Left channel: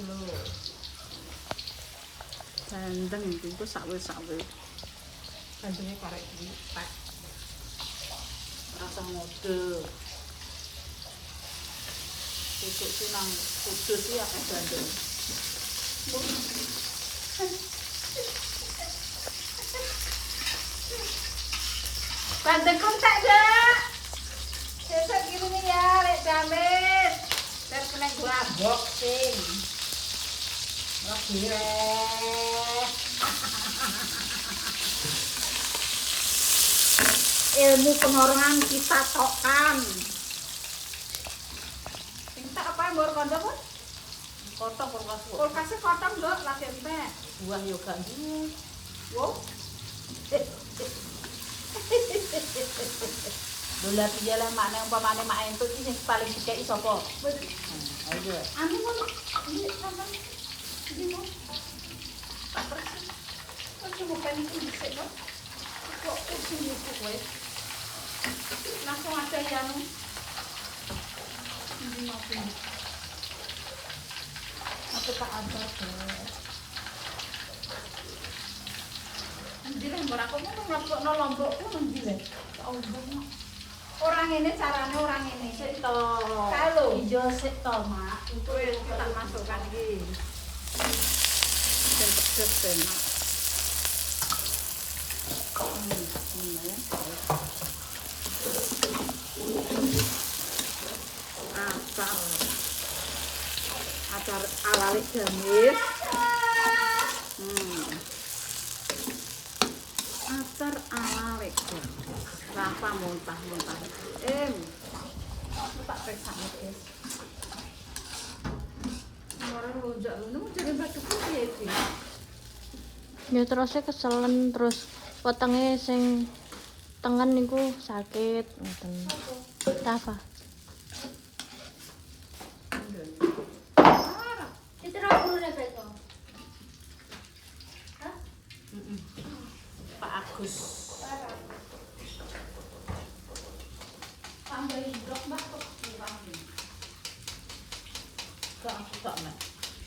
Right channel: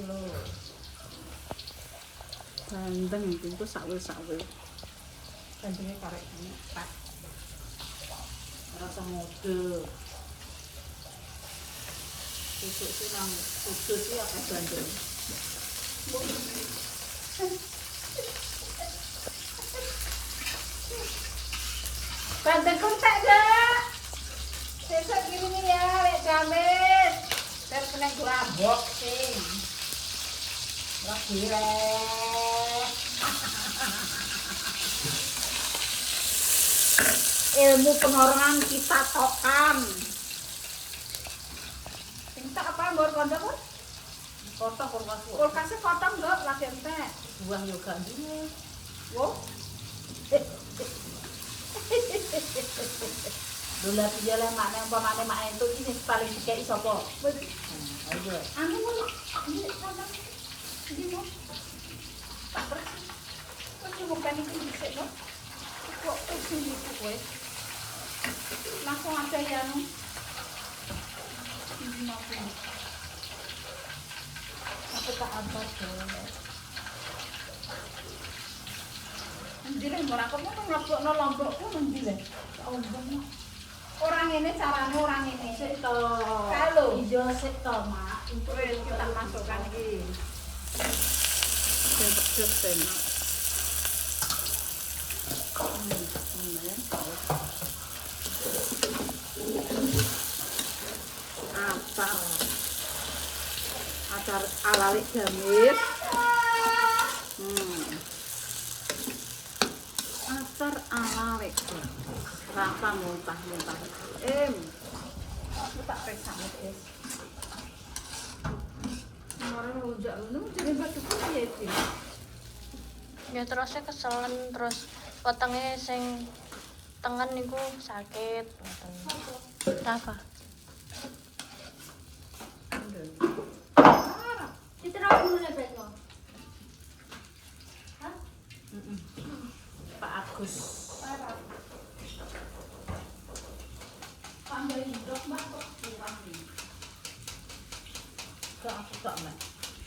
kilo. Bandeng itu sawe-sawe. Bandengnya karek lipat. Rasa ngode. Sisik sih nang kudus sih akeh bandeng. Bandeng kontak dah. Sesuk kirimi ya, lek jamis. Terus kena gua boxing. Lagi ilmu pengorbangan kita tokan. Sing tak apa yang baru kondo pun? Potong kulkas. Kulkasnya potong dok, lagi entek. Buah yoga ini. Wow. Bola tiga lah makna yang pamane mak itu ini paling dikei sopo. Ayo. Anu mau ini sama. Ini mau. Tak persis. Kok bukan ini bisa dok? Kok usul itu kowe? Langsung aja yang ini maupun apa tak abad deh. Nandilah orang kamu tuh ngelopok lombokku nandilah. Orang ini caranya orang ini. Kalau hijau sih toh mak. Itu kita masukkan lagi. Dan pedes enak. Acar alalik gamis. Acar alalik. Rasa muntah-muntah. Aku tak periksa guys. Orang rujak lu jadi batu putih itu. Ya terusnya keselen terus wetenge sing tengen niku sakit ngoten. Apa? Pak Agus. Tambahin dok mbak kok kurang nih. Kok aku kok enggak?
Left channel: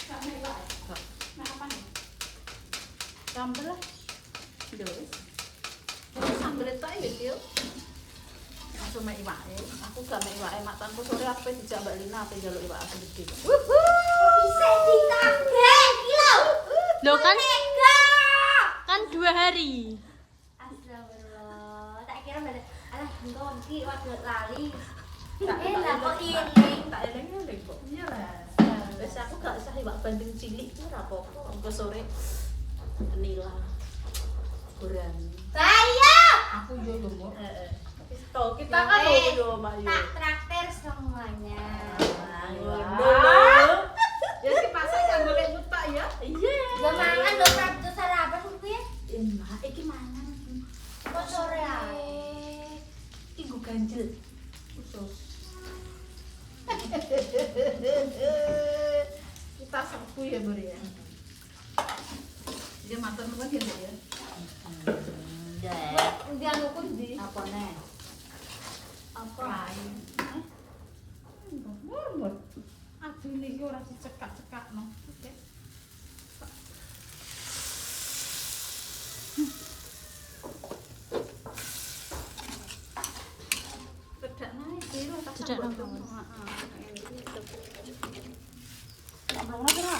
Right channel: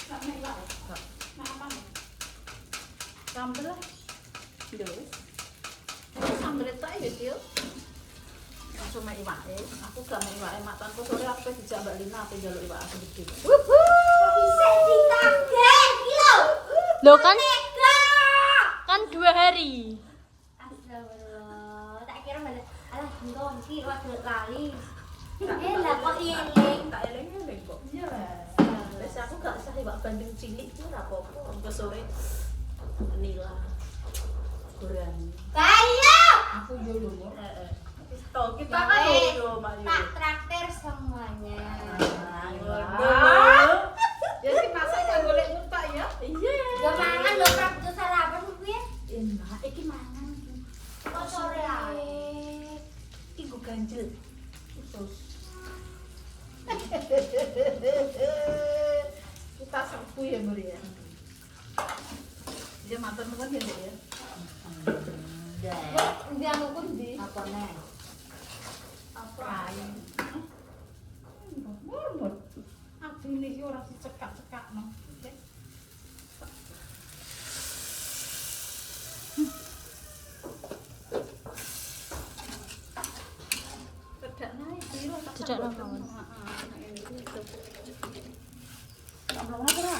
Enggak mewah. Kok. Nah apa nih? Sambel lah. Doi. Sambel itu aja Sil. Langsung mek iwake. Aku gak mek iwake mak tanpa sore aku dijak Mbak Lina ape njaluk iwak aku gede. Bisa dikaget kilo. Loh kan 2 hari. Astagfirullah. Tak kira mana. Alah, nggon ki waktu lali. Lah kok eling. tak eling-eling kok. Iya lah. Wes aku gak usah iwak bandeng cilik ku ora apa-apa. Engko sore nila. Berani. Ayo. Aku yo yo. Heeh. Kita Ya, kan yo Mbak yo. Tak traktir semuanya. Ya si masak yang golek mutak ya. Iya. Yo mangan yo ora butuh sarapan ku ya. Enak iki mangan. Kok sore Iki go ganjel. Usus. Kita serbu ya Bur ya. Dia matur nuwun ya Mbak ya. Ndi anu ku ndi? Apa neh? Apa? Murmur. Adine iki ora dicekak-cekakno. Cedak nae piro tak Cedak nang kawan. Heeh.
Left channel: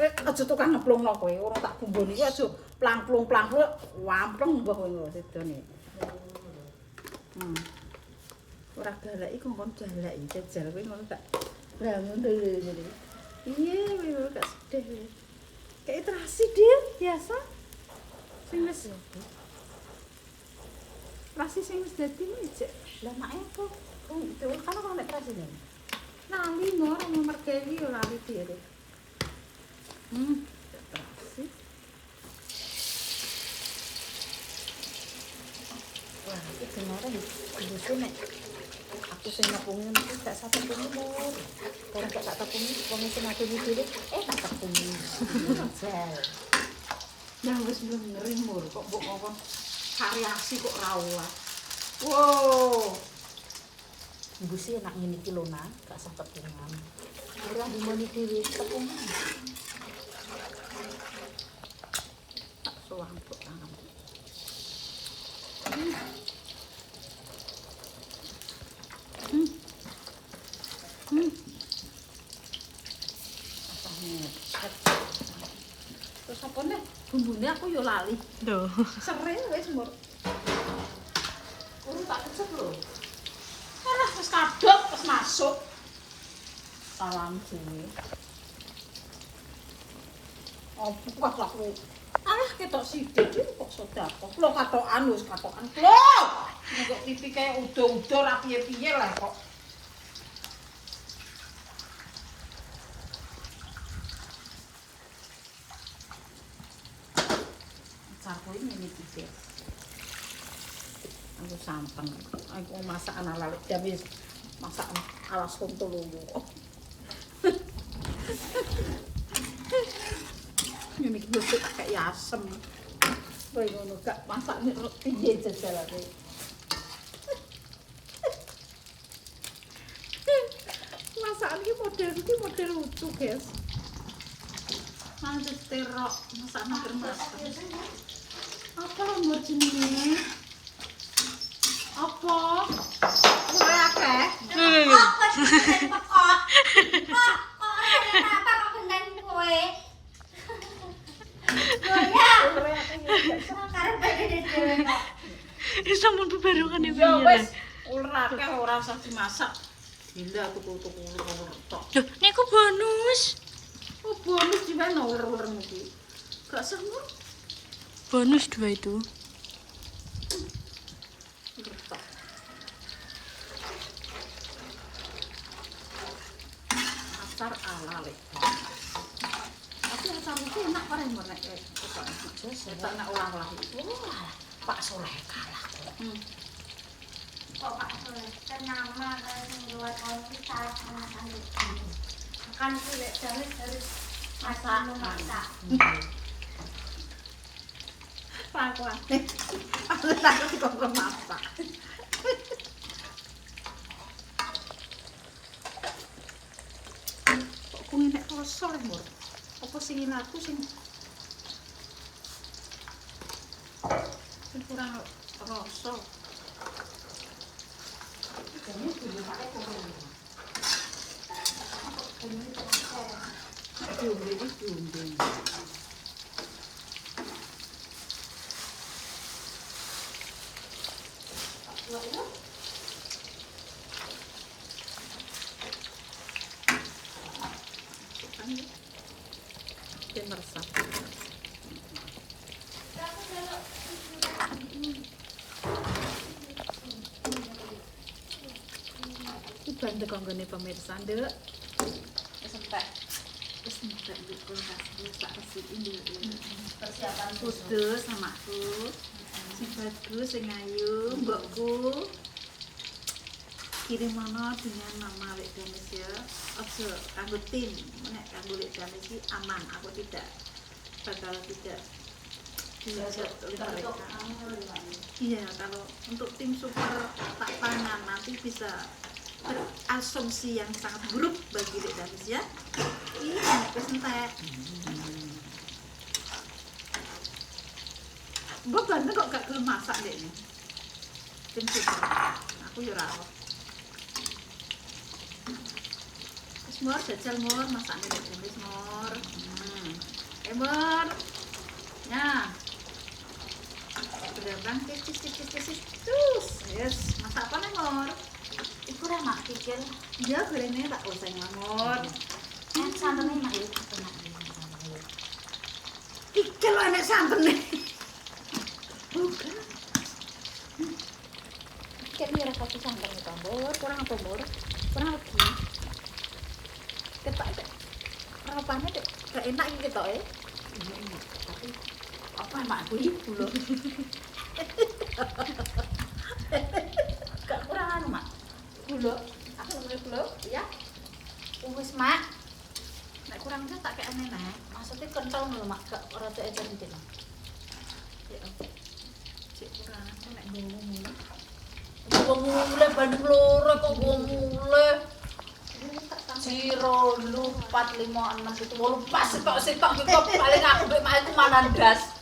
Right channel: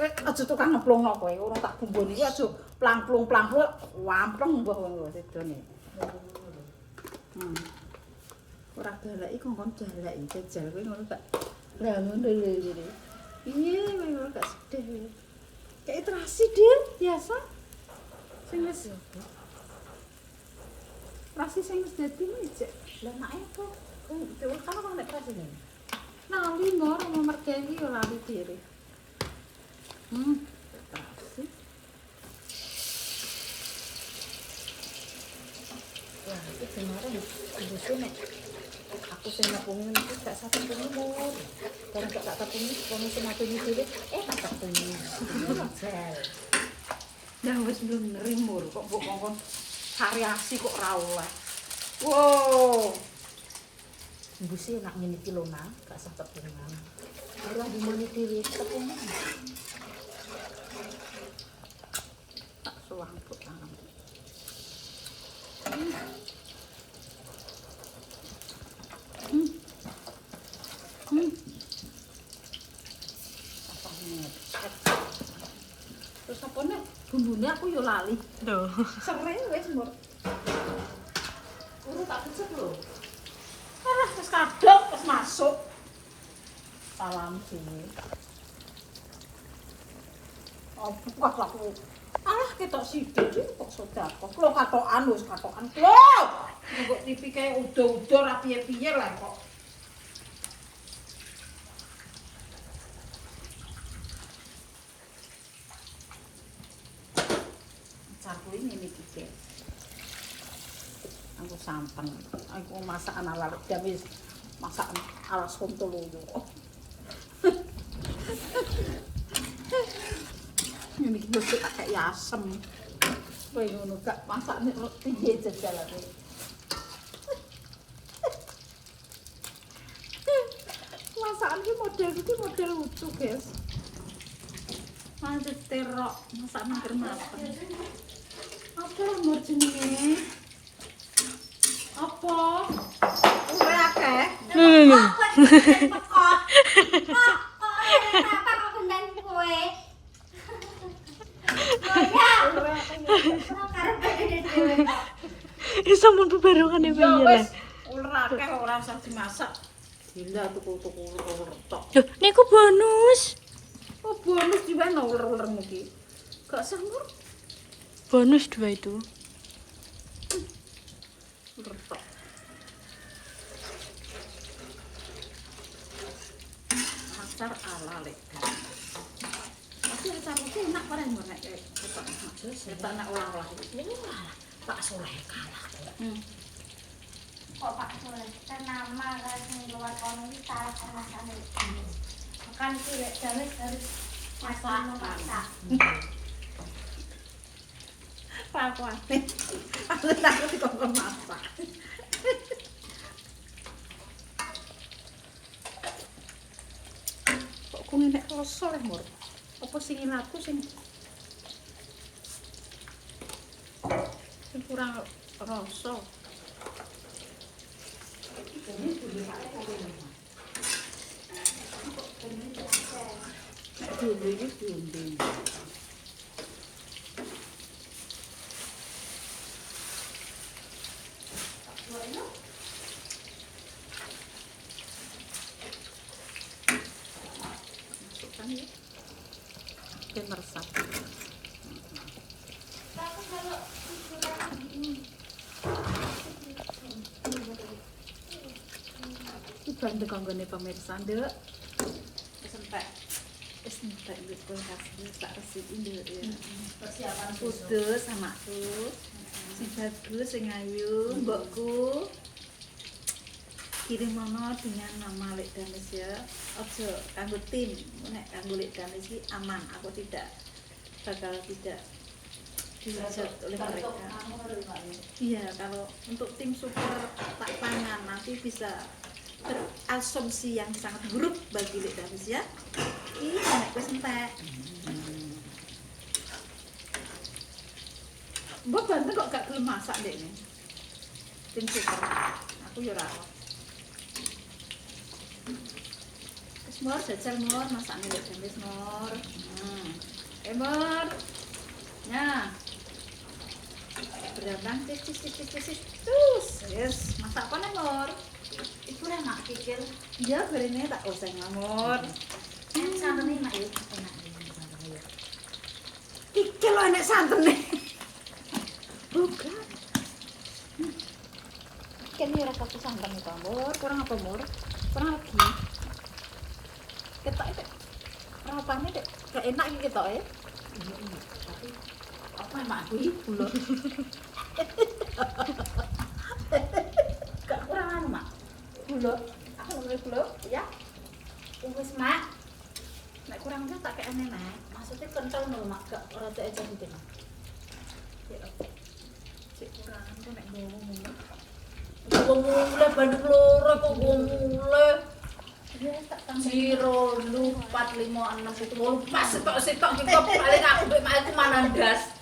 Aja tukang ngeplungno kowe, ora tak bumboni iki aja plang-plung-plang wampleng mbah kowe sedone. Ora galeki kongkon jaleki jajal kowe ngono tak. Lah ngono lho. Iya, kowe gak sedih. Kayak terasi, Dir, biasa. Sing wis terasi sing wis dadi mijek. Lah mak apa? Itu kan kok nek terasi ne. Nah, limo ora mau mergeni ora lali Dir. Terasi. Wah, iki jenenge iki nek aku sing ngepungin iki gak satu umur. Karena gak tak tepungi wong sing ngapuni dhewe, tak tepungi. Jel. Nah wis ngeri mur kok kok variasi kok ora oleh. Wow. Mbusi enak ngene iki lho, Nak, gak sah tepungan. Ora dimoni dhewe tepung. Tak suwang kok tangan. Terus apa nih? Bumbune aku yo lali. Tuh. Sere wis mur. Urung tak kecek lho. Ora wis kadok wis masuk. Salam dhewe. Apa kok aku. Alah ketok sithik iki kok sedekah. Lho katokan wis katokan. Lho. Kok TV kayak udo-udo ra piye-piye lah kok. Aku ini iki. Aku santen. Aku masak ala wis masak alas kontol yo. Ini iki kayak asem. Kowe ngono gak masakne piye jajalane. Masakan iki model lucu, guys. Masih terok, masak nangkir masak. Apa nomor jenenge? Apa? Ora akeh. Apa sih kok? Apa kok gendang kowe? Ya. Karep dhewe kok. Sampun bebarengan ya piye lah. Ora akeh ora usah dimasak. Gila tuku-tuku tok. Loh, niku bonus. Oh, bonus di mana ular-ular iki? Gak samur. Bonus 2 itu. Retok. Acar ala lek. Tapi acar itu enak bareng nek kita enak. Kita nak ulang-ulang. Pak Soleh kalah. Kok Pak Soleh kan nama kalau sing buat orang ini salah sama kami. Kan tidak harus masak. Pak. Aku dikongkon masak. Kok ku nek rasa leh, Mur? Apa sing aku sing kurang rasa. Diombe. Dan meresap. Itu anda kanggone pemirsa, Nduk. Sampai entek gitu kasih tak resikin dulu. Persiapan Kudu sama aku. Si bagus sing ayu, mbokku. Kirim mana dengan nama Lek Danis ya. Ojo kanggo tim, nek kanggo Lek Danis iki aman. Aku tidak dihujat oleh mereka. Iya, kalau untuk tim super tak tangan nanti bisa berasumsi yang sangat buruk bagi Lek Danis ya. Ih, nek wis entek. Mbok bantu kok gak gelem masak Dek ini. Tim super. Aku yo ora. Wis Mor, jajal Mor, masakne Lek Danis Mor. Mor. Ya. Berambang tis. Terus, yes, masak apa nih Mor? iku ora mak kikil. Iya, gorengnya tak usah ngamor. Kan santene mak yo enak. Kikil lo enek santene. Bukan. Kayaknya ora satu santan itu, Mor. Kurang apa Mor? Kurang lagi. Ketok itu. Rapane kok gak enak iki ketok e. Iya. Tapi apa mak aku iku lho. Gak kurang anu mak. Gula. Aku nemu gula ya. Wis mak. Nek kurang kan tak kayak aneh. Maksudnya kental lho mak, gak rada aja mungkin. Ya. Cek kurang aku nek ngomong. Ngomong mulai bandung loro kok ngomong mulai. Ya tak Jiro lu 456 itu mau pas setok gitu paling aku mbek mana ndas.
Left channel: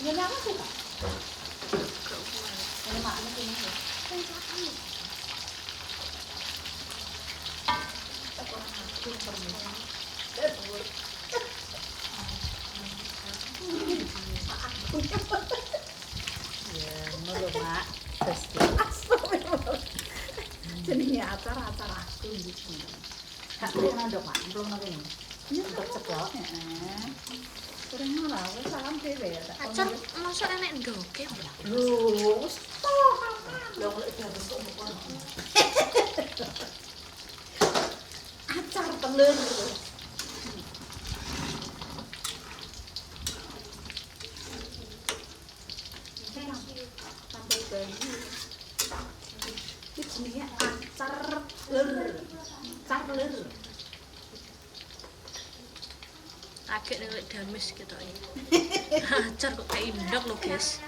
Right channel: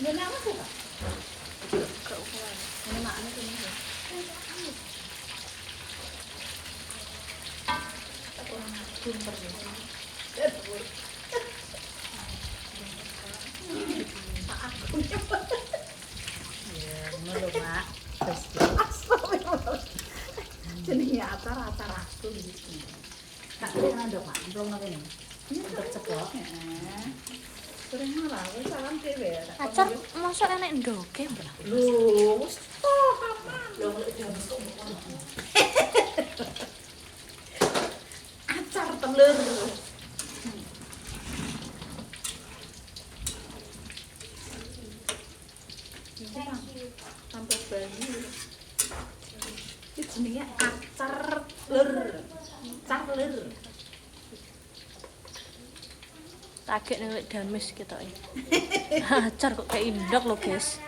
Ini nama sih Pak. Ini mak ini ya. Aku orang pinter nih. Ya, ngono Mak. Jenenge acara-acara aku iki. Tak kira ndok Mak, belum nang kene. Untuk ceklok. Sering ora wis salam dhewe. Acar masa enek ndoke ya? Lho, wis paham. Lho lek kok acar telur. Sampai bayi. Iki jenenge acar telur. Acar telur. Kaget nek gamis ketoke. Acar kok kayak indok lho, guys.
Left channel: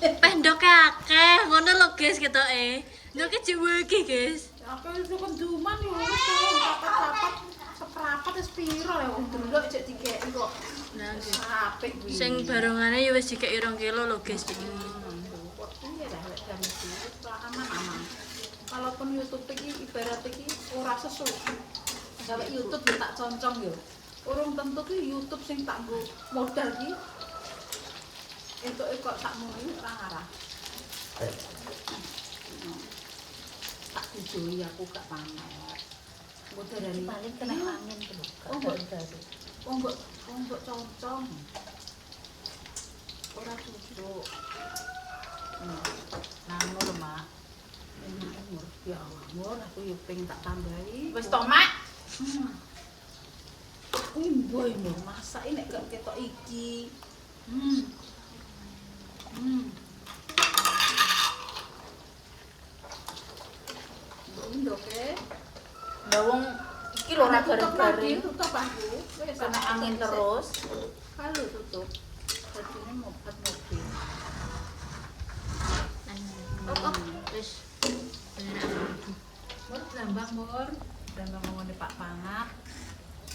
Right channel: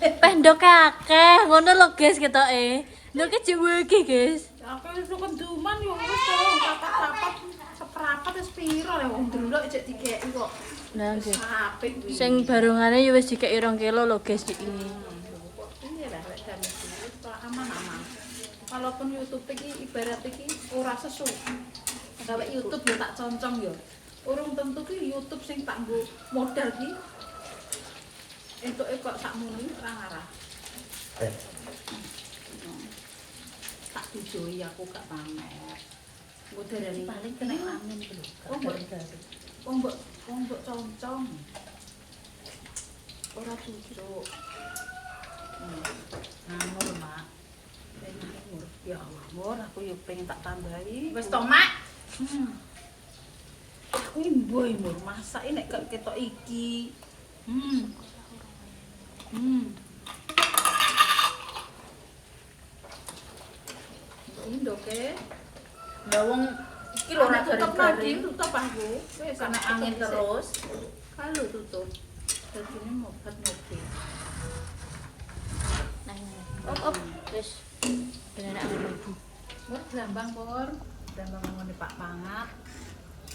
Pendoke akeh, ngono lho, guys ketoke. Ndoke dhewe iki, guys. Aku iso kenduman yo wis karo rapat-rapat seperapat wis piro ya wong delok cek dikeki kok. Nah, nggih. Apik kuwi. Sing barungane ya wis dikeki 2 kilo lho, guys iki. Iya lah lek gamis iki wis aman-aman. Walaupun YouTube iki ibarat iki ora sesu. Gawe YouTube yo tak concong yo. Urung tentu ki YouTube sing tak nggo modal ki entuke kok sakmene ora ngarah. Tak dijoi aku gak pamer. Nggo darani Paling kena angin tuh. Oh, mbok concong. Ora cucuk. Nang lho Mak. Ya Allah, Mur, aku yo pengen tak tambahi. Wis to Mak. Kuwi mboy Mur, masak nek gak ketok iki. Indoke. Lah wong iki lho ora tutup garing-garing. tutup aku. Wis Kena angin terus. Halo tutup. Dadine mobat mobil. Op, wis. Bener aku. Mur glambang Mur. Glambang ngene Pak Pangat.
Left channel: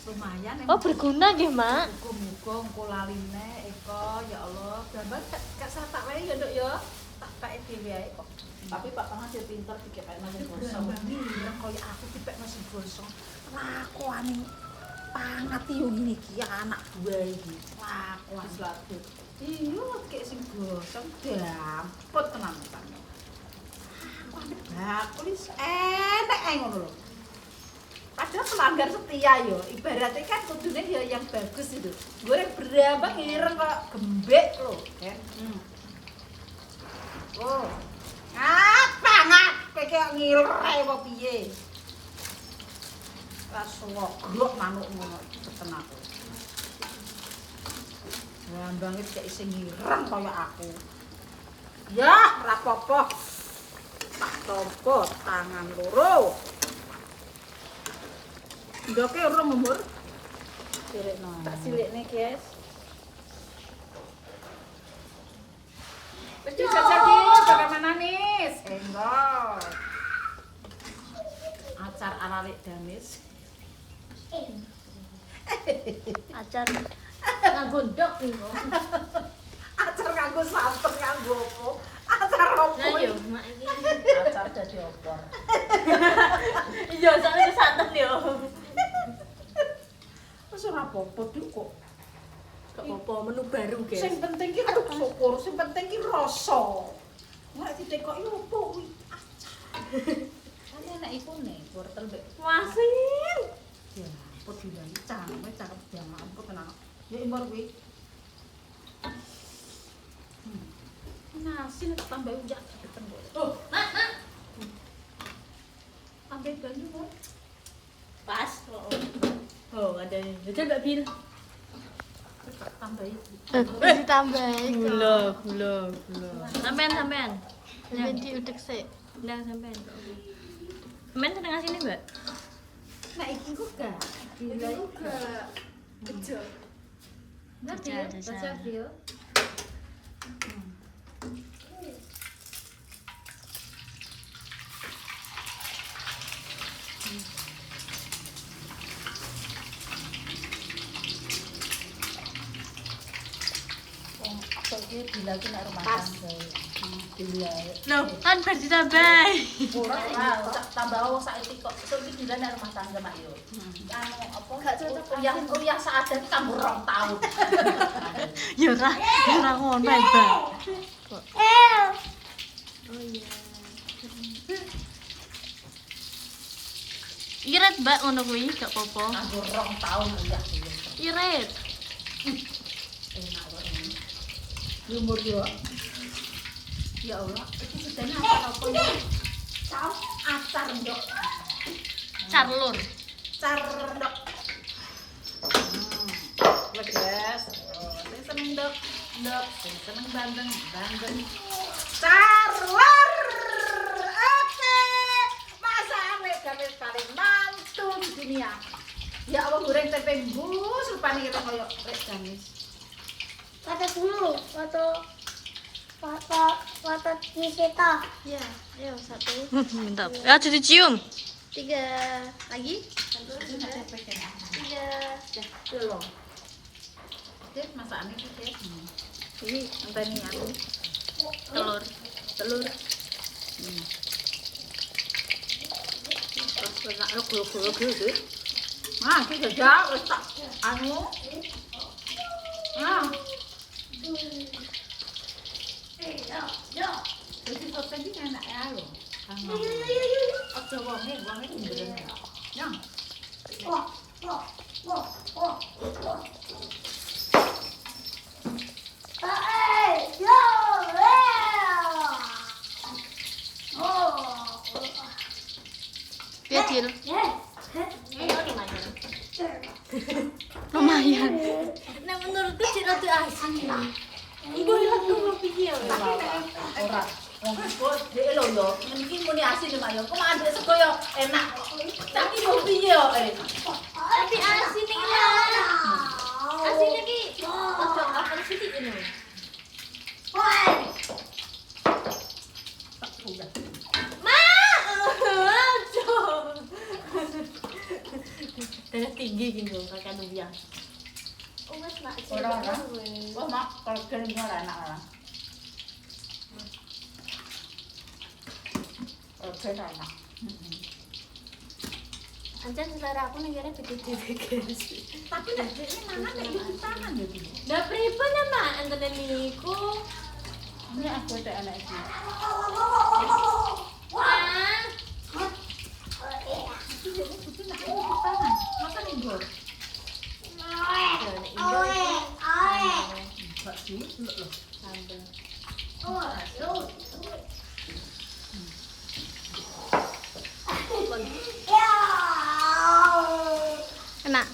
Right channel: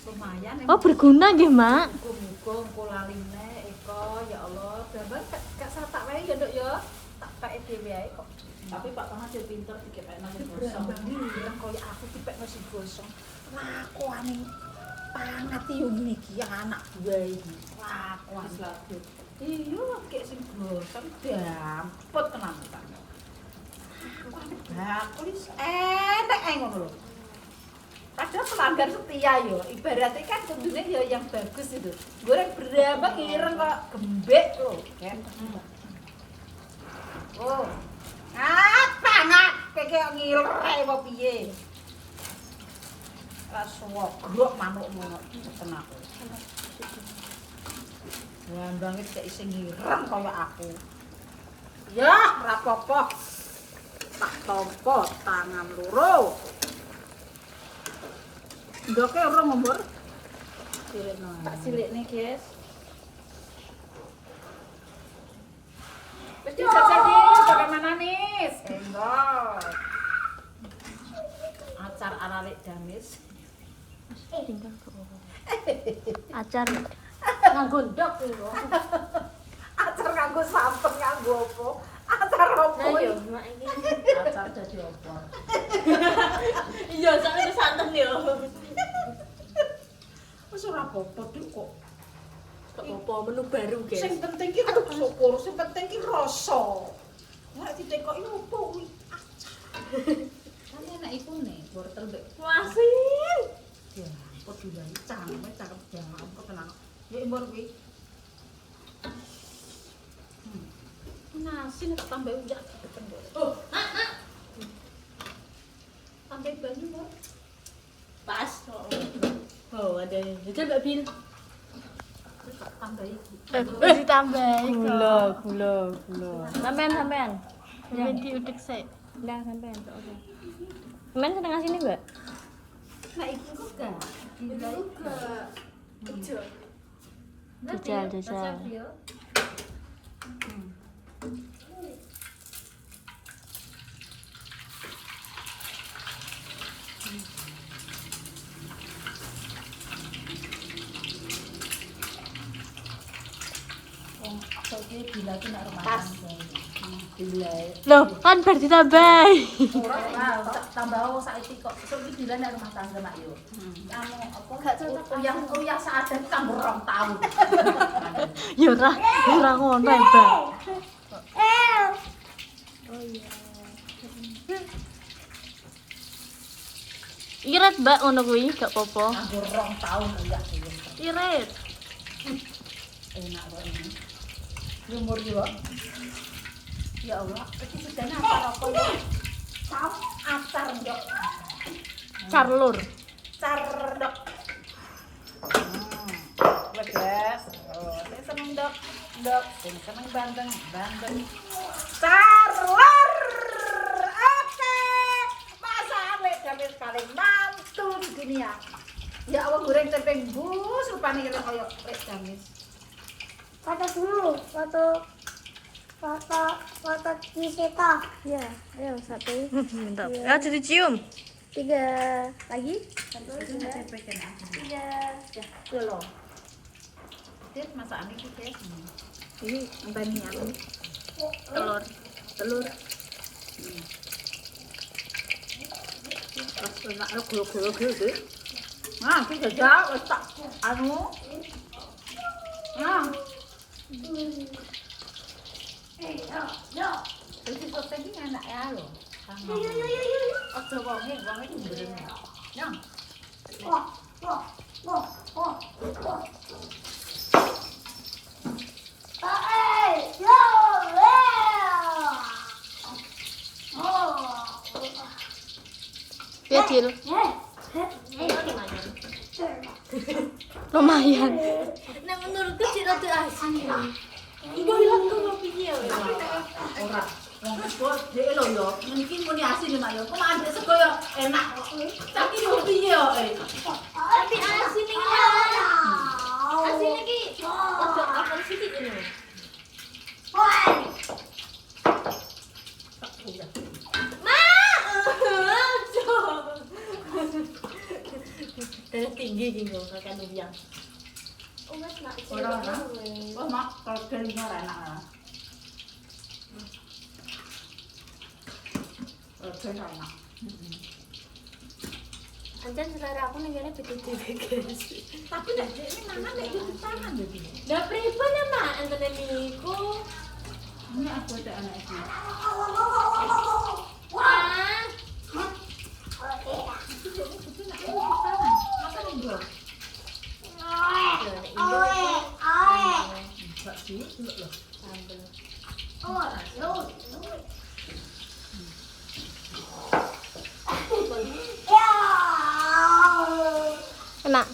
Lumayan Oh, berguna nggih, Mak. Muga-muga engko laline Eko ya Allah. Gambar gak salah tak wae ya Nduk ya. Tak pake dhewe ae kok. Tapi Pak Pangat yo pinter dikepekno sing Sama gosong. mireng kaya aku dipekno sing gosong. Lakuane Pangat yo ngene iki anak buah iki. Lakuan. Wis lagut. Iya, kayak sing gosong dampet tenan kan. Aku wis enek ae ngono lho. Padahal pelanggan setia yo, ibaratnya kan kudune yo yang bagus itu. Goreng berambang ireng kok gembek lho, kan. Oh. Apa nak kayak ngilre apa piye? Rasa grok manuk ngono peten aku. Brambang iki kayak sing ireng kaya aku. Ya, ora apa-apa. Tak tompo tangan loro. Ndoke ora ngomor. Silikno. Tak silikne, guys. Wis dijajal iki bagaimana nih? Enggak. Acar aralik damis. Acar. Nganggo ndok iku. Acar nganggo santen nganggo apa? Acar opo? Lah yo, Mak iki. Acar dadi opor. Iya, soalnya santen yo. Wis ora apa-apa Dik, kok. Gak apa-apa, menu baru, guys. Sing penting ki aduh syukur, sing penting ki rasa. Nek ditekoki opo kuwi? Kan enak ipune, wortel mbek Wasin. Ya ampun dilangi cakep ya ampun tenan. Ya impor kuwi. Nasi nek tambah ujak depan kok. Oh, Mak. Tambah banyu kok. Pas. Oh, ada juga Mbak Bil. Tak tambahi. Ditambahin gula. Sampean. Ya diudek sik. Nah, sampean kok oke. Sampean seneng asine, Mbak? Nah iki kok gak. Gila iki. Kecil. Jajal. Soalnya gila itu nek rumah tangga. Gila. Loh, kan baru ditambahi. Ora tambah saiki kok soalnya gila nek rumah tangga mak yo. Anu apa? Gak cocok uyah seadat kanggo 2 tahun. Ya ora ngono ya, Mbak. Oh iya. Irit, Mbak, ngono kuwi gak apa-apa. Kanggo 2 tahun uyah iki. Irit. Enak kok ini. Lumur yo. Ya Allah, iki sedene apa ya? Acar ndok. Carlur. Cardok. Legas. Oh, saya seneng dok. Saya seneng bandeng. Carlor. Oke. Masa Ame gamis paling mantu di dunia. Ya Allah goreng tempe bus rupane kaya koyo rek gamis. Foto dulu, foto di situ. Ya, ayo satu. Minta. Ya, jadi cium. 3 lagi. 3. Lho. Dit masakane iki, Dit. Ini enteni aku. Telur. Terus enak glo-glo Dit. Nah, iki jajal wis tak anu. Nah, iki kok iki enak ya lho. Kang. Ojo wonge jembreng. Yang. Ya, Cil. Lumayan. Nah menurutku sih rada asin. Ibu ilang karo piye wae. Ora. Wong kok dhek lho yo, mungkin muni asin yo manuk. Kok mandek sego yo enak. Tapi yo piye yo Tapi asin iki ya. Asin iki ojo apa sih ini. Ma, ojo. Darah tinggi gitu, kakak Nubiang. Oh mas mak. ora. Oh mak, kalau keringnya ora enak ora. Oke enak. Anjan selera aku ning kene beda-beda guys. Tapi nek dhek ini mangan nek di tangan yo iki. Lah pripun ya mak antene niku? Ini aku itu enak iki. Ah. Iki nek di tangan. Makan Indo. Ya nek indo iki. Mbak sih, lho. Sambel. Enak.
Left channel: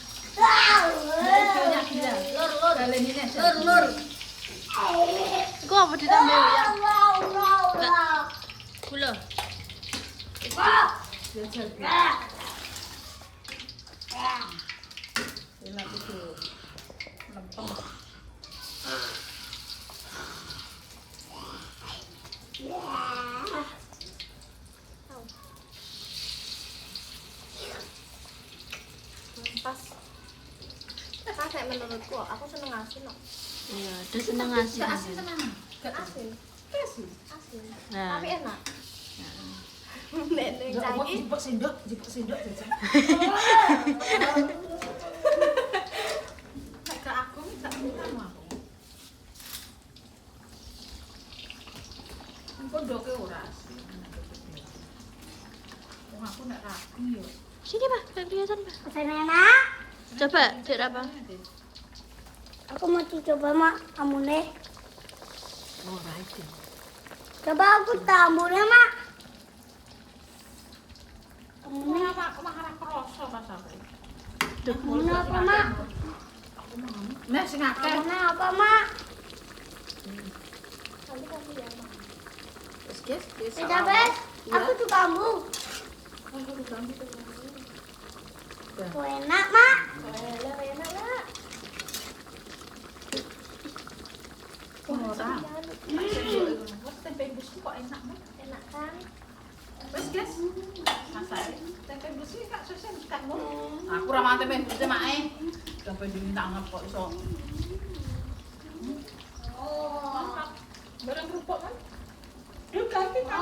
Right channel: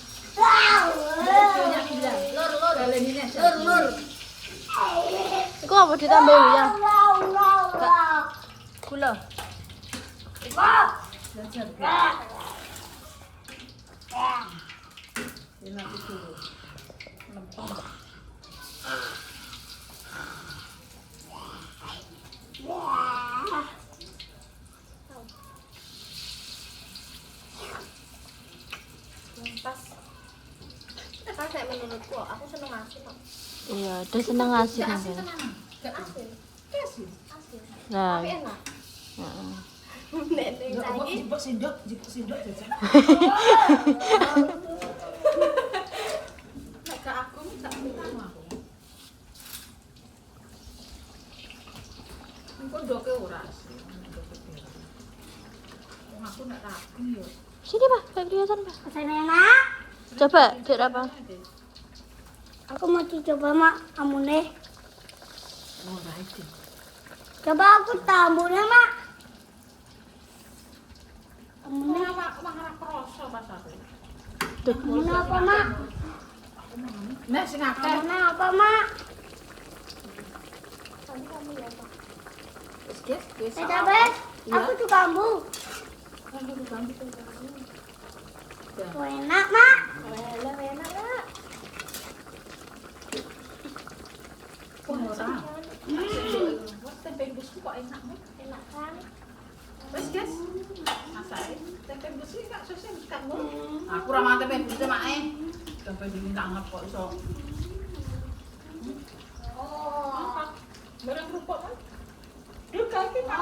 Banyak bilang, lor dalenine. Lor. Iku apa ditambahin ya? Gula. Belajar. Enak itu. Lempeng. Pas nek menurutku aku seneng asin kok. Iya, dia seneng asin. Asin kan? tenan. Asin. Asin. Asin. Nah, Tapi enak. heeh. Nek ning saiki Jipuk sendok jajan. Nek ke aku gak seneng aku. Engko ndoke ora asin. Wong aku nek ragu yo. Sini, Pak, kayak kelihatan, Pak. enak. Coba, Dek apa? Aku mau coba mak amune. Ora iki. Coba aku tambune mak. Amune Ora ora kroso pas aku. amune apa mak? Nek sing akeh Amune apa mak? wis Wes, aku juga kamu. Enak mak. Enak mak. Ora. kok enak banget. Enak kan? Wes guys, masak tempe besi kak sesen kan lo. Aku ramah tempe besi mae. Tempe diminta anget kok iso. Oh. Mantap. Barang kerupuk kan? Duh kaki kan.